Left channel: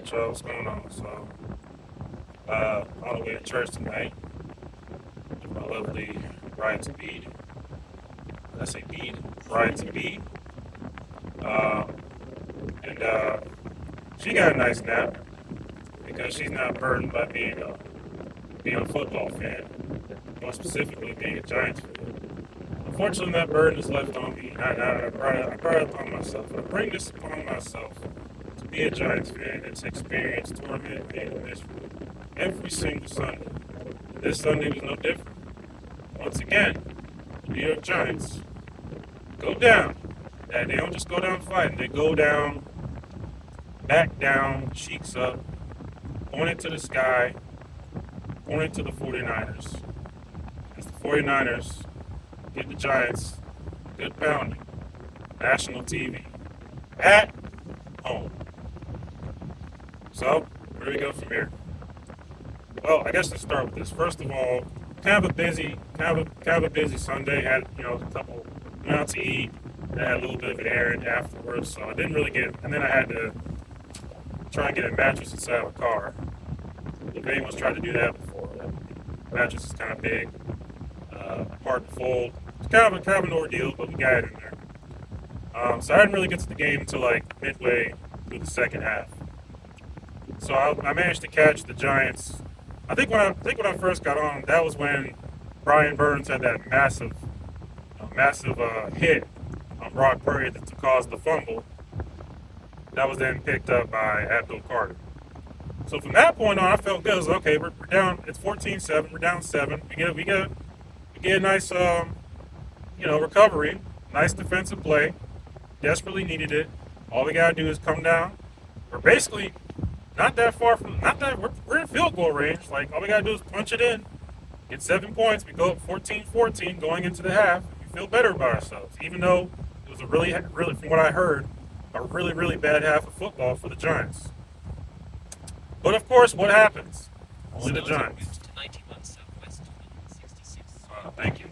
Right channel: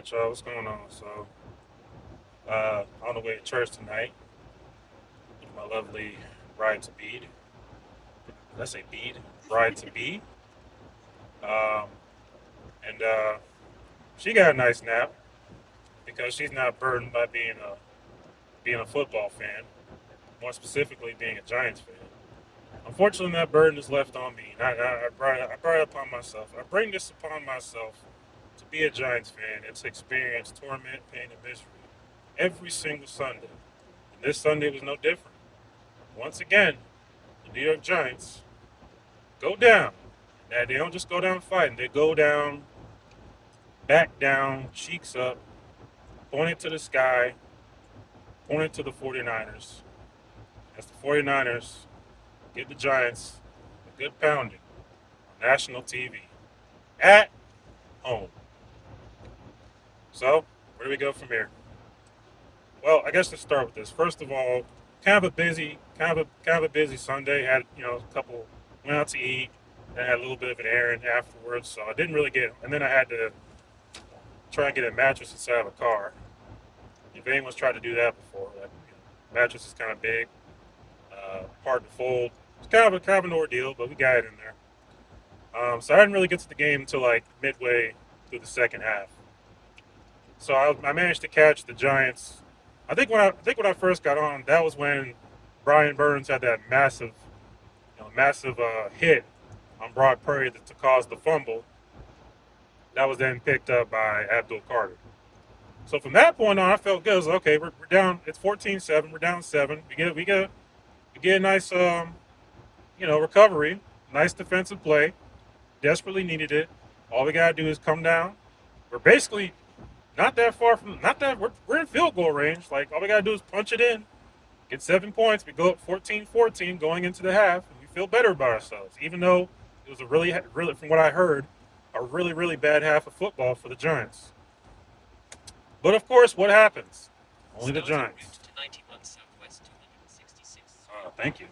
right, y'all, what's going on? So, on the way to church tonight, with my lovely bride to be. Did I say Bede? Bride to be. Um, and she got a nice nap because she's not burdened by being a football fan, more specifically being a Giants fan. Unfortunately, that burden is left on me. I brought it upon myself. I bring this upon myself to be a Giants fan and to experience torment, pain, and misery every single Sunday. This Sunday was no different. Once again, the New York Giants go down. And they don't just go down fighting. They go down, back down, cheeks up, pointing to the sky, pointing to the 49ers. As the 49ers get the Giants good pounding. National TV. At home. So, where do we go from here? Well, I guess let's start with this. First of all, kind of a busy Sunday. Had a couple went out to eat. I had a little bit of an errand afterwards, so I didn't really get it. And then I had to try and get a mattress inside the car. If anyone's tried to do that before, that mattress is kind of big, hard to fold. It's kind of an ordeal, but we got it in there. So I didn't really get to the game until like midway through the second half. So I managed to catch the Giants. I think when I first got on, that was when Brian Burns had that massive hit on Brock Purdy to cause the fumble. That was then picked up by Abdul Carter. So from that point on, I felt good. I was like, okay, we're down. It's 14-7. We're down 7. We get a nice recovery. Nice defensive play. Desperately needed it. All we gotta do is come down. We're basically we're in field goal range. Like all we gotta do is punch it in. Get 7 points. We go up 14-14 going into the half. We feel better about ourselves, even though it was a really, from what I heard, a really, really bad half of football for the Giants. But of course, what happens? Only the Giants. Thank you.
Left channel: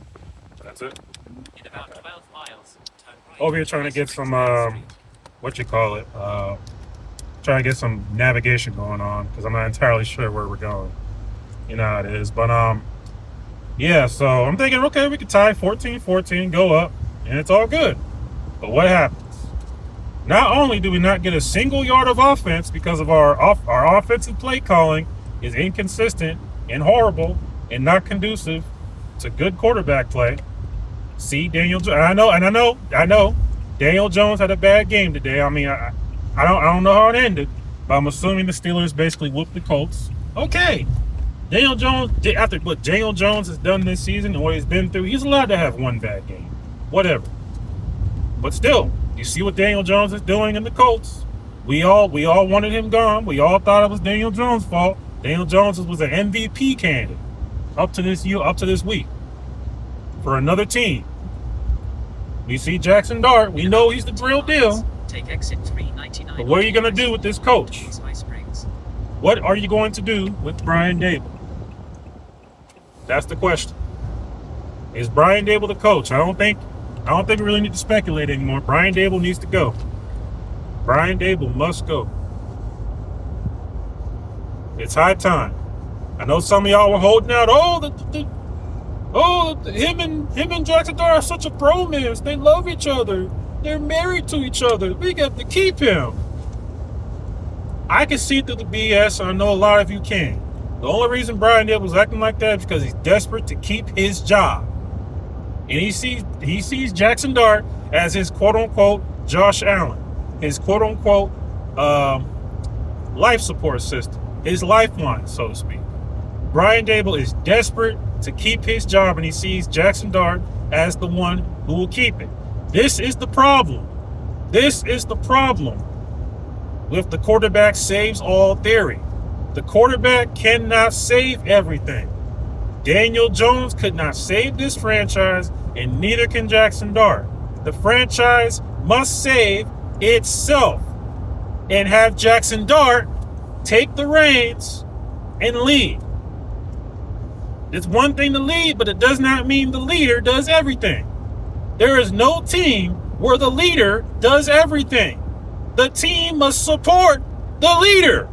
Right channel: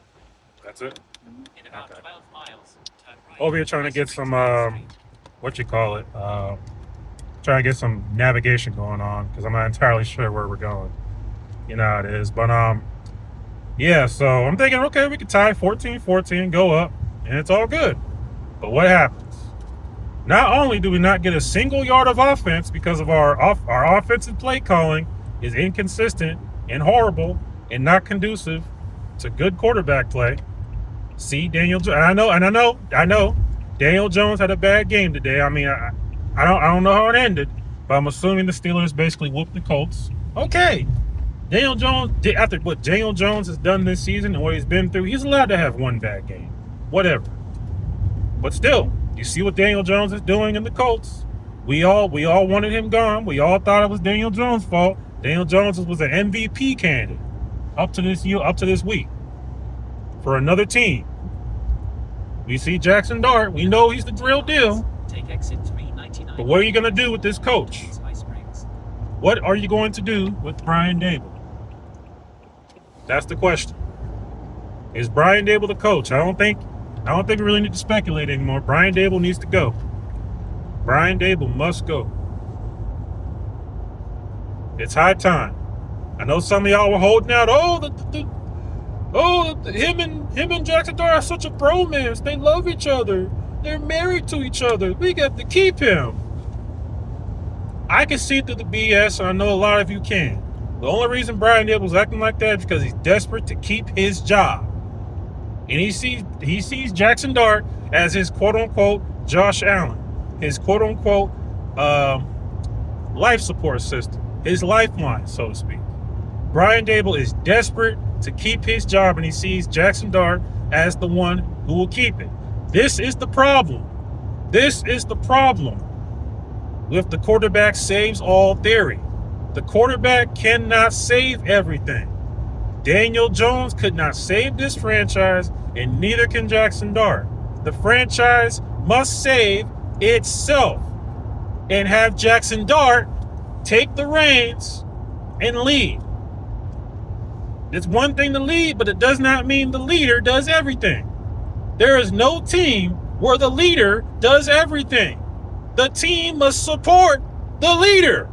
That's it. In about 12 miles, turn right. Over here trying to get some, trying to get some navigation going on because I'm not entirely sure where we're going. You know how it is. But, yeah, so I'm thinking, okay, we could tie 14-14, go up, and it's all good. But what happens? Not only do we not get a single yard of offense because of our offensive play calling is inconsistent and horrible and not conducive to good quarterback play. See, Daniel Jones, I know Daniel Jones had a bad game today. I mean, I don't know how it ended, but I'm assuming the Steelers basically whooped the Colts. Okay. Daniel Jones, after what Daniel Jones has done this season and what he's been through, he's allowed to have one bad game. Whatever. But still, you see what Daniel Jones is doing in the Colts. We all wanted him gone. We all thought it was Daniel Jones' fault. Daniel Jones was an MVP candidate up to this week for another team. We see Jackson Dart. We know he's the real deal. Take exit 399. But what are you going to do with this coach? What are you going to do with Brian Daboll? That's the question. Is Brian Daboll the coach? I don't think we really need to speculate anymore. Brian Daboll needs to go. Brian Daboll must go. It's high time. I know some of y'all were holding out. Him and Jackson Dart are such a bromance. They love each other. They're married to each other. We got to keep him. I can see through the BS, and I know a lot of you can. The only reason Brian Daboll's acting like that is because he's desperate to keep his job. And he sees Jackson Dart as his quote-unquote Josh Allen, his quote-unquote life support system, his lifeline, so to speak. Brian Daboll is desperate to keep his job, and he sees Jackson Dart as the one who will keep it. This is the problem. This is the problem with the quarterback saves all theory. The quarterback cannot save everything. Daniel Jones could not save this franchise, and neither can Jackson Dart. The franchise must save itself and have Jackson Dart take the reins and lead. It's one thing to lead, but it does not mean the leader does everything. There is no team where the leader does everything. The team must support the leader.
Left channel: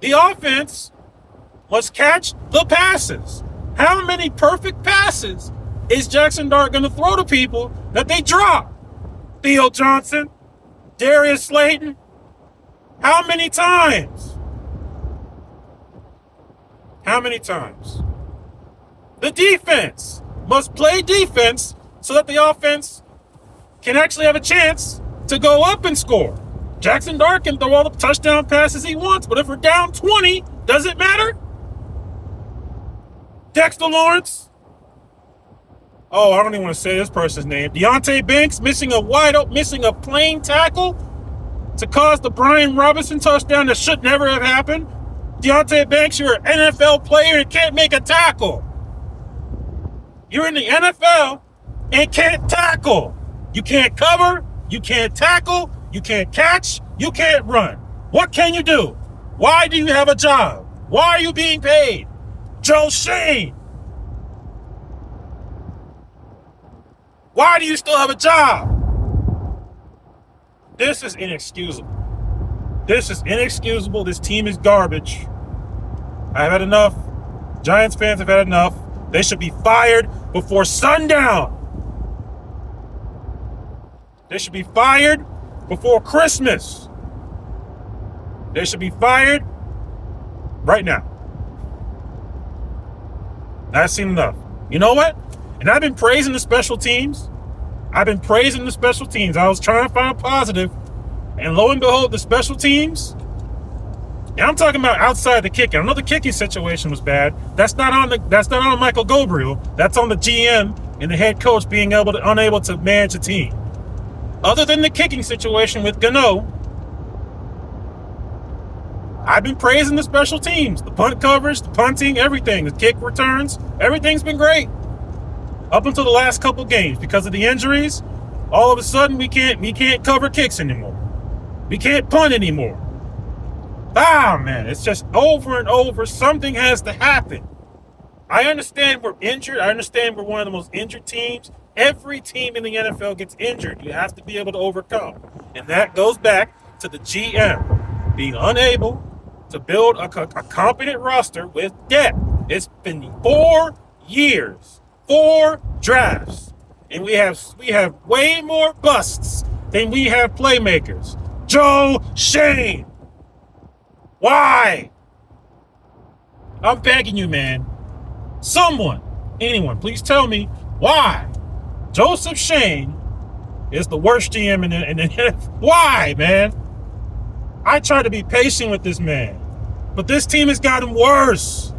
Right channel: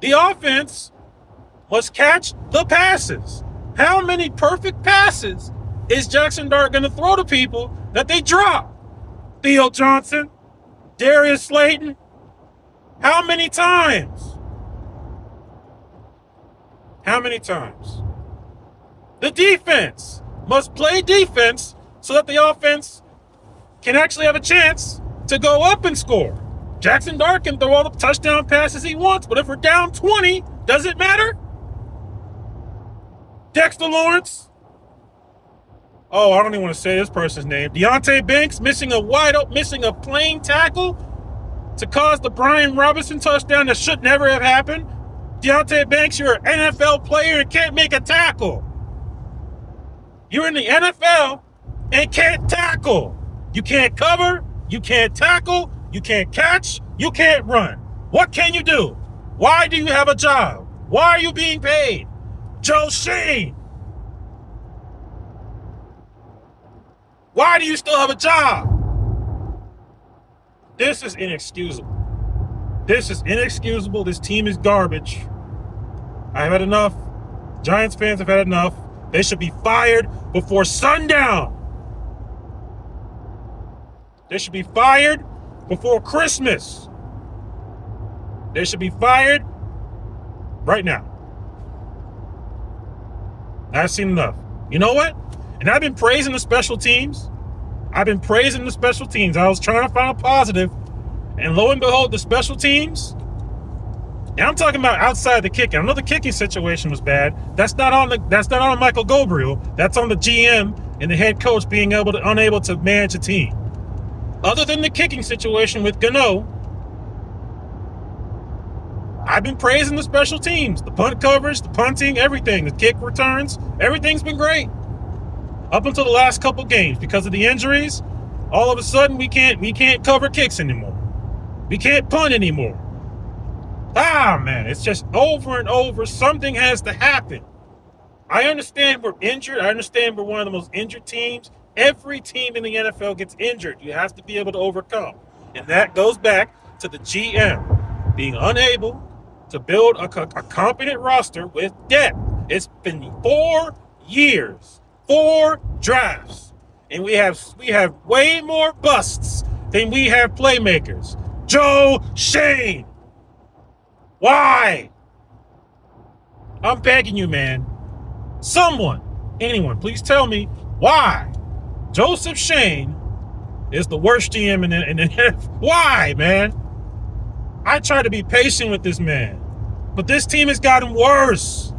The offense must catch the passes. How many perfect passes is Jackson Dart going to throw to people that they drop? Theo Johnson, Darius Slayton. How many times? How many times? The defense must play defense so that the offense can actually have a chance to go up and score. Jackson Dart can throw all the touchdown passes he wants, but if we're down 20, does it matter? Dexter Lawrence. Oh, I don't even want to say this person's name. Deonte Banks missing a plain tackle to cause the Brian Robinson touchdown that should never have happened. Deonte Banks, you're an NFL player and can't make a tackle. You're in the NFL and can't tackle. You can't cover, you can't tackle, you can't catch, you can't run. What can you do? Why do you have a job? Why are you being paid? Joe Schoen. Why do you still have a job? This is inexcusable. This is inexcusable. This team is garbage. I've had enough. Giants fans have had enough. They should be fired before sundown. They should be fired before Christmas. They should be fired right now. I've seen enough. You know what? And I've been praising the special teams. I was trying to find a positive. And lo and behold, the special teams. Yeah, I'm talking about outside the kicking. I know the kicking situation was bad. That's not on Michael Gabriel. That's on the GM and the head coach being unable to manage a team. Other than the kicking situation with Gano, I've been praising the special teams, the punt coverage, the punting, everything, the kick returns. Everything's been great up until the last couple games because of the injuries. All of a sudden, we can't cover kicks anymore. We can't punt anymore. Man, it's just over and over. Something has to happen. I understand we're injured. I understand we're one of the most injured teams. Every team in the NFL gets injured. You have to be able to overcome. And that goes back to the GM being unable to build a competent roster with depth. It's been 4 years, 4 drafts, and we have way more busts than we have playmakers. Joe Schoen. Why? I'm begging you, man. Someone, anyone, please tell me why Joseph Schoen is the worst GM in the Why, man? I try to be patient with this man, but this team has gotten worse.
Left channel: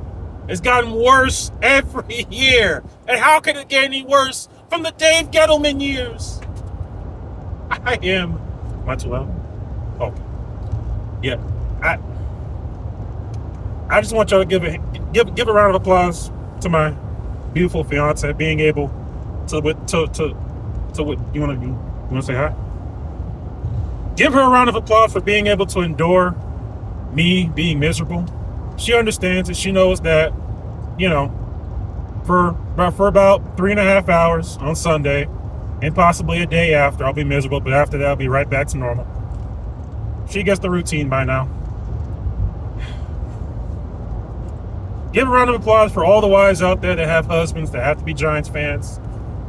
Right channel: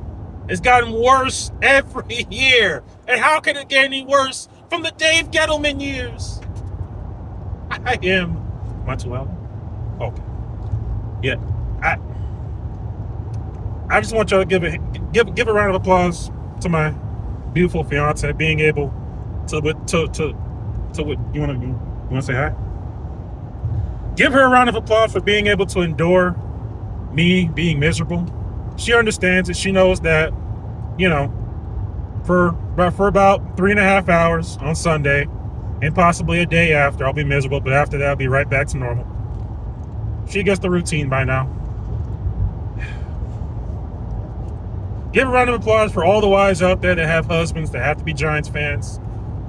It's gotten worse every year. And how can it get any worse from the Dave Gettleman years? Am I too loud? Oh, yeah. I just want y'all to give a round of applause to my beautiful fiance being able to what you want to say hi? Give her a round of applause for being able to endure me being miserable. She understands it. She knows that, for about 3.5 hours on Sunday and possibly a day after, I'll be miserable, but after that, I'll be right back to normal. She gets the routine by now. Give a round of applause for all the wives out there that have husbands that have to be Giants fans,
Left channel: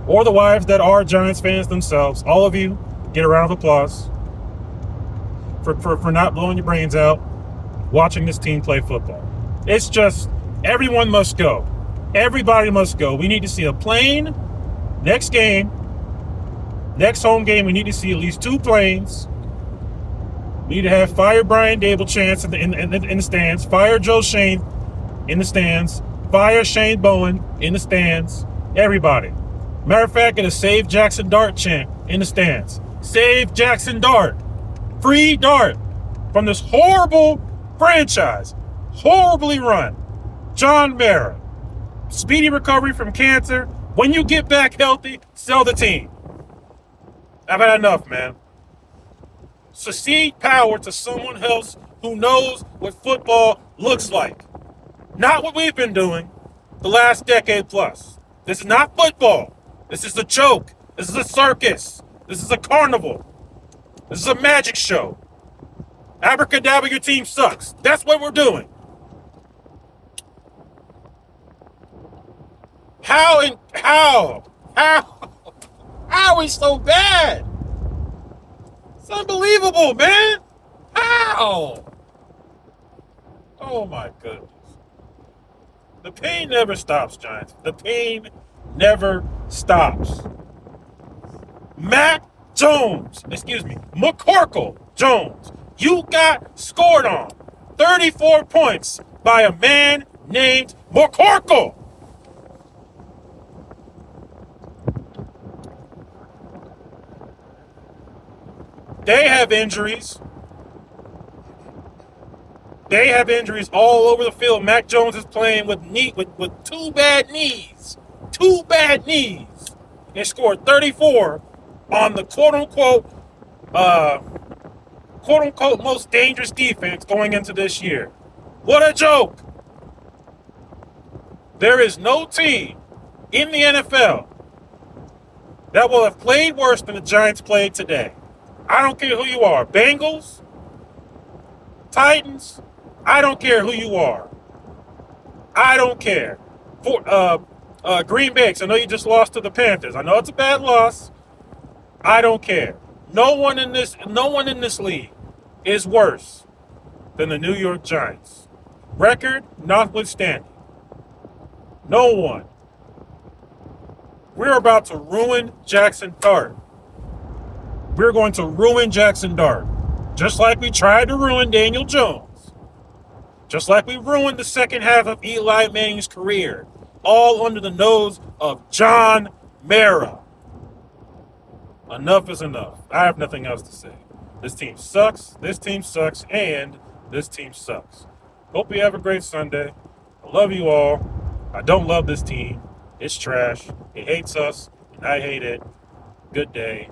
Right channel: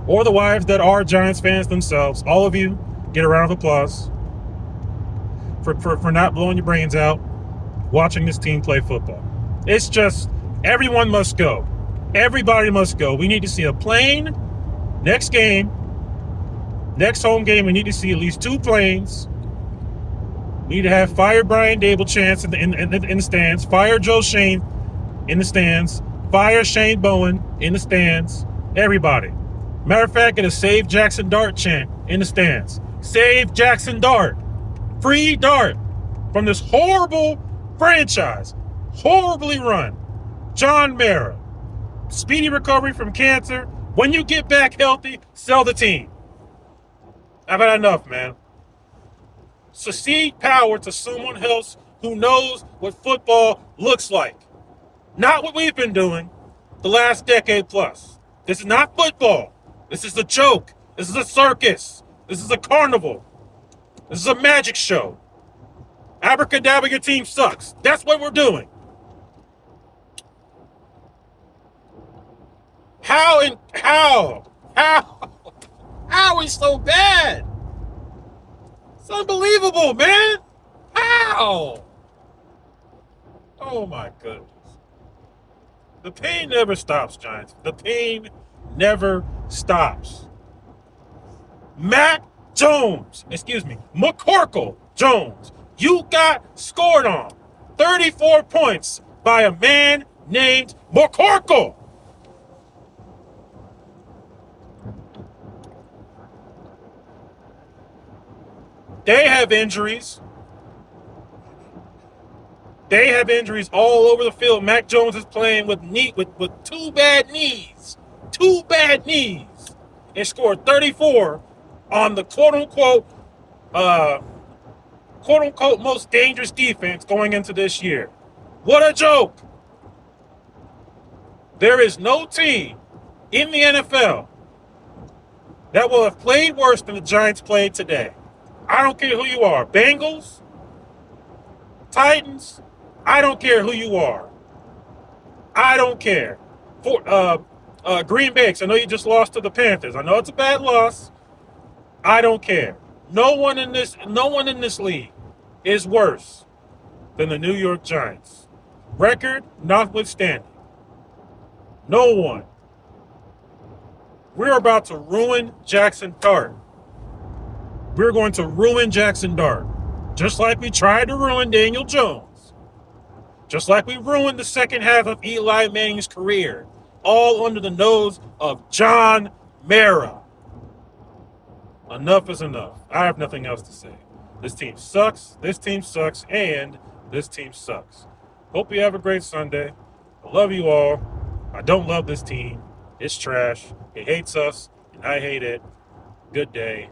or the wives that are Giants fans themselves. All of you, get a round of applause for not blowing your brains out watching this team play football. It's just, everyone must go. Everybody must go. We need to see a plane. Next home game, we need to see at least 2 planes. We need to have fire Brian Dable chants in the stands. Fire Joe Schoen in the stands. Fire Shane Bowen in the stands. Everybody. Matter of fact, get a Save Jackson Dart chant in the stands. Save Jackson Dart. Free Dart from this horrible franchise. Horribly run. John Mara. Speedy recovery from cancer. When you get back healthy, sell the team. I've had enough, man. Succeed power to someone else who knows what football looks like. Not what we've been doing the last decade plus. This is not football. This is a joke. This is a circus. This is a carnival. This is a magic show. Abracadabra, your team sucks. That's what we're doing. How are we so bad? It's unbelievable, man. How? Oh my goodness. The pain never stops, Giants. The pain never stops. McCorkle Jones, you got scored on 34 points by a man named McCorkle. They have injuries. They have injuries all over the field. Mac Jones is playing with two bad knees. Two bad knees. And scored 34 on the quote-unquote most dangerous defense going into this year. What a joke. There is no team in the NFL that will have played worse than the Giants played today. I don't care who you are. Bengals, Titans, I don't care who you are. I don't care. Green Bay, I know you just lost to the Panthers. I know it's a bad loss. I don't care. No one in this league is worse than the New York Giants. Record notwithstanding. No one. We're about to ruin Jackson Dart. We're going to ruin Jackson Dart. Just like we tried to ruin Daniel Jones. Just like we ruined the second half of Eli Manning's career. All under the nose of John Mara. Enough is enough. I have nothing else to say. This team sucks, and this team sucks. Hope you have a great Sunday. I love you all. I don't love this team. It's trash. It hates us, and I hate it. Good day.